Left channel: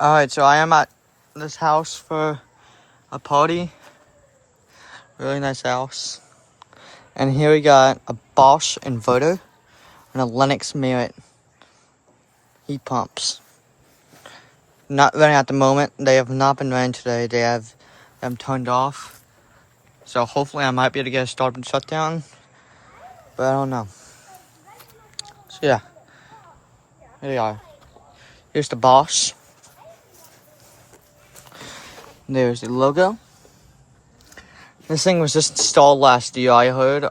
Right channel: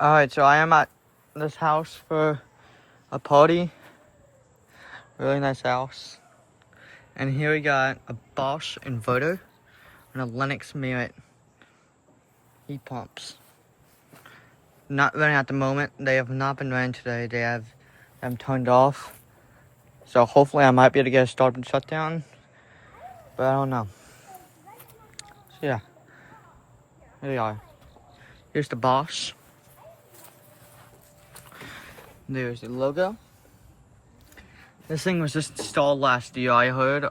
Alright, so I am at this house for a party. Really nice house. And here we got a Bosch inverter and a Lennox Merit heat pumps. Not running at the moment. They have not been running today. They have them turned off. So hopefully I might be able to get a start and shutdown. But I don't know. So yeah. Here we are. Here's the Bosch. There's the logo. This thing was just installed last year, I heard.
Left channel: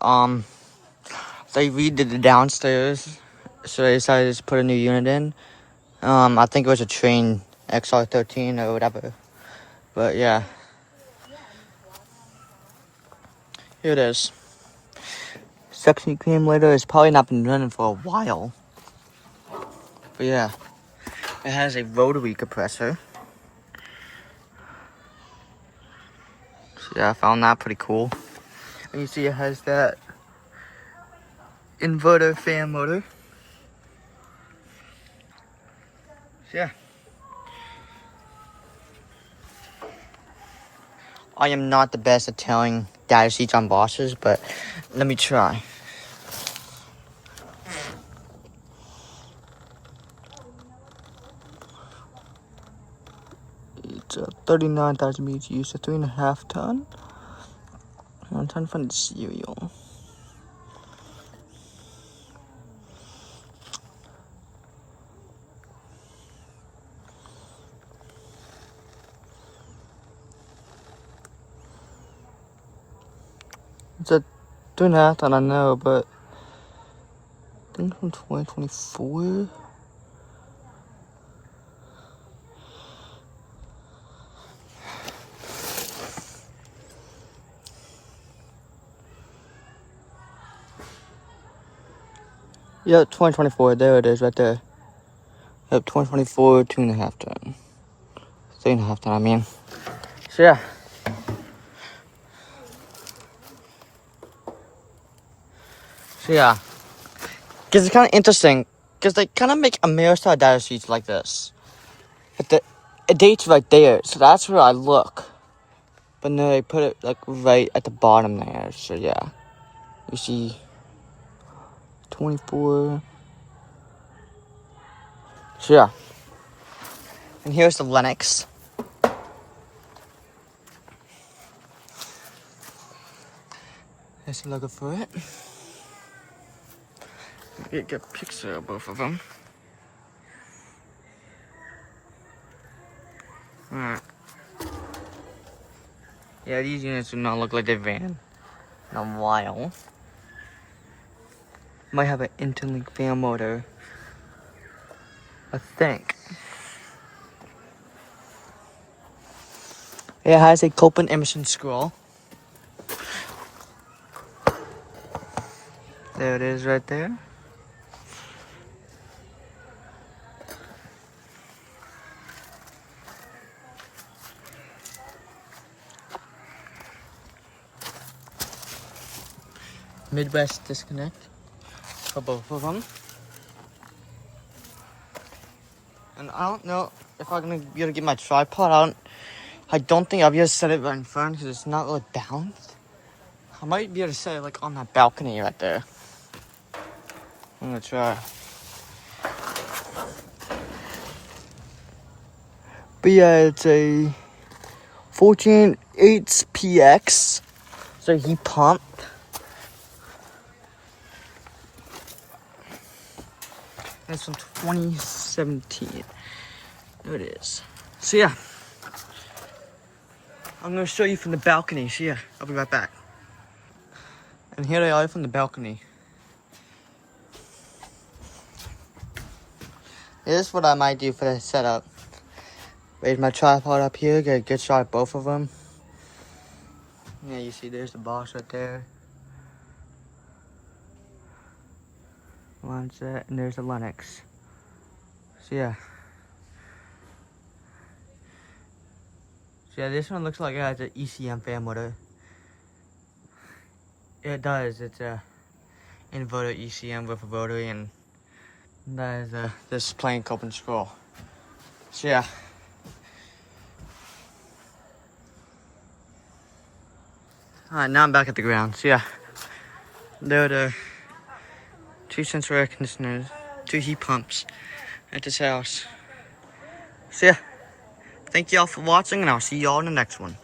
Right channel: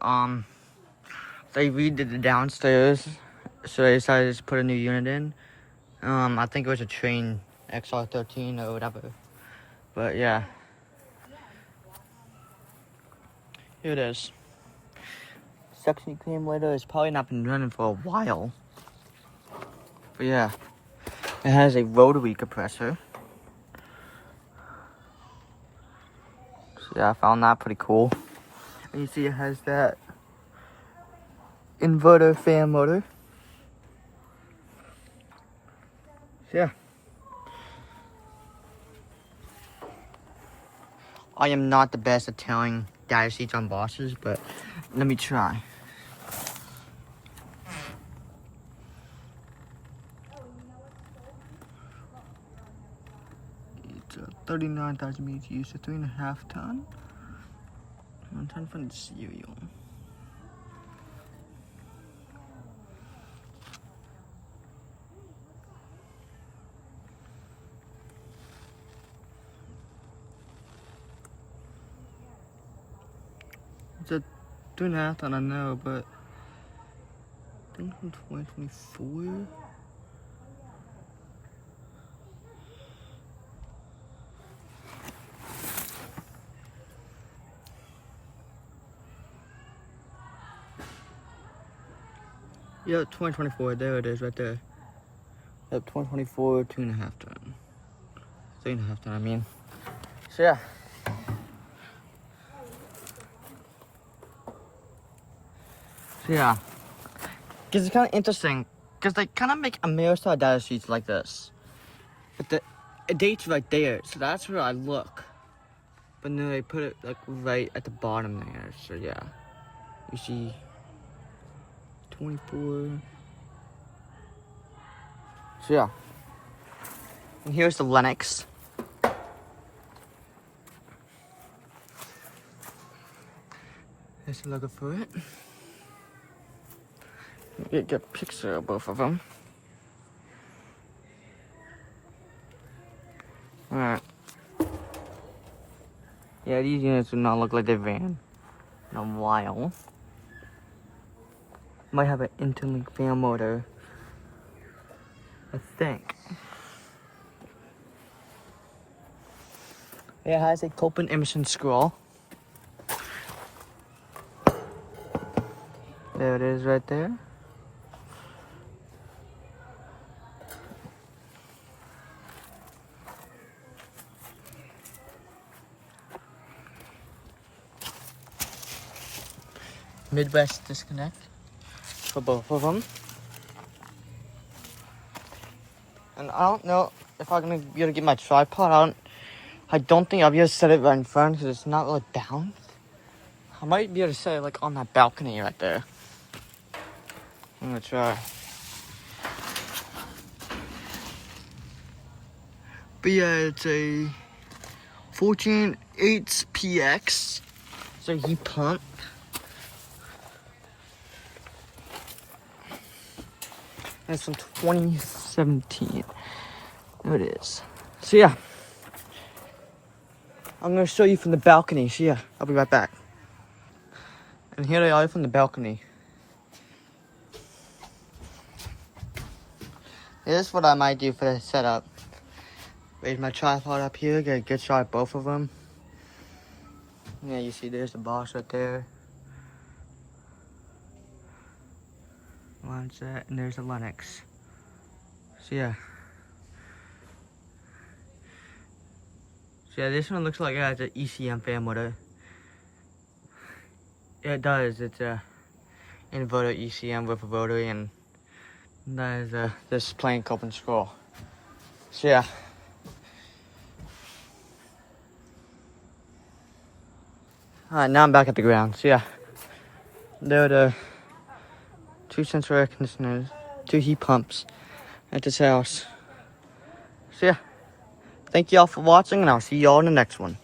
They redid the downstairs, so they decided to put a new unit in. I think it was a Train XR13 or whatever. But yeah. Here it is. Suction accumulator has probably not been running for a while. But yeah. It has a rotary compressor. So yeah, I found that pretty cool. And you see it has that inverter fan motor. So yeah. I am not the best at telling data sheets on Bosches, but let me try. It's 39,000 meters used, a 3.5 ton. I'm trying to find the serial. It's a 3.5 ton, I know, but I think from 2024. Yep, 2024. There it is, right there. Yep, 2024, 2.5 ton. 3.5 ton, I mean. So yeah. So yeah. Because it's kind of interesting. Because they kind of make Ameristar data sheets like this. But the date's right there, so that's where I look. But no, they put it like right at the bottom there. So yeah. You see 24. So yeah. And here's the Lennox. Here's the logo for it. Get a good picture of both of them. Alright. Yeah, these units do not look like they ran in a while. Might have an interlink fan motor. I think. It has a Copeland emission scroll. There it is right there. Midwest disconnect for both of them. And I don't know if I'm gonna be able to get my tripod. I don't think I'll be able to set it right in front because it's not really balanced. I might be able to set it like on that balcony right there. I'm gonna try. But yeah, it's a Fortune 8PX. It's a heat pump. And it's from 2017. There it is. So yeah. I'm gonna show you from the balcony. So yeah, I'll be right back. And here they are from the balcony. This is what I might do for the setup. Raise my tripod up here, get a good shot of both of them. Yeah, you see there's the Bosch right there. Launch that, and there's the Lennox. So yeah. So yeah, this one looks like it has an ECM fan motor. Yeah, it does. It's a inverter ECM with a rotary, and that is this plain Copeland scroll. So yeah. Alright, now I'm back at the ground. So yeah, there are the 2 central air conditioners, 2 heat pumps at this house. So yeah, thank y'all for watching, and I'll see y'all in the next one.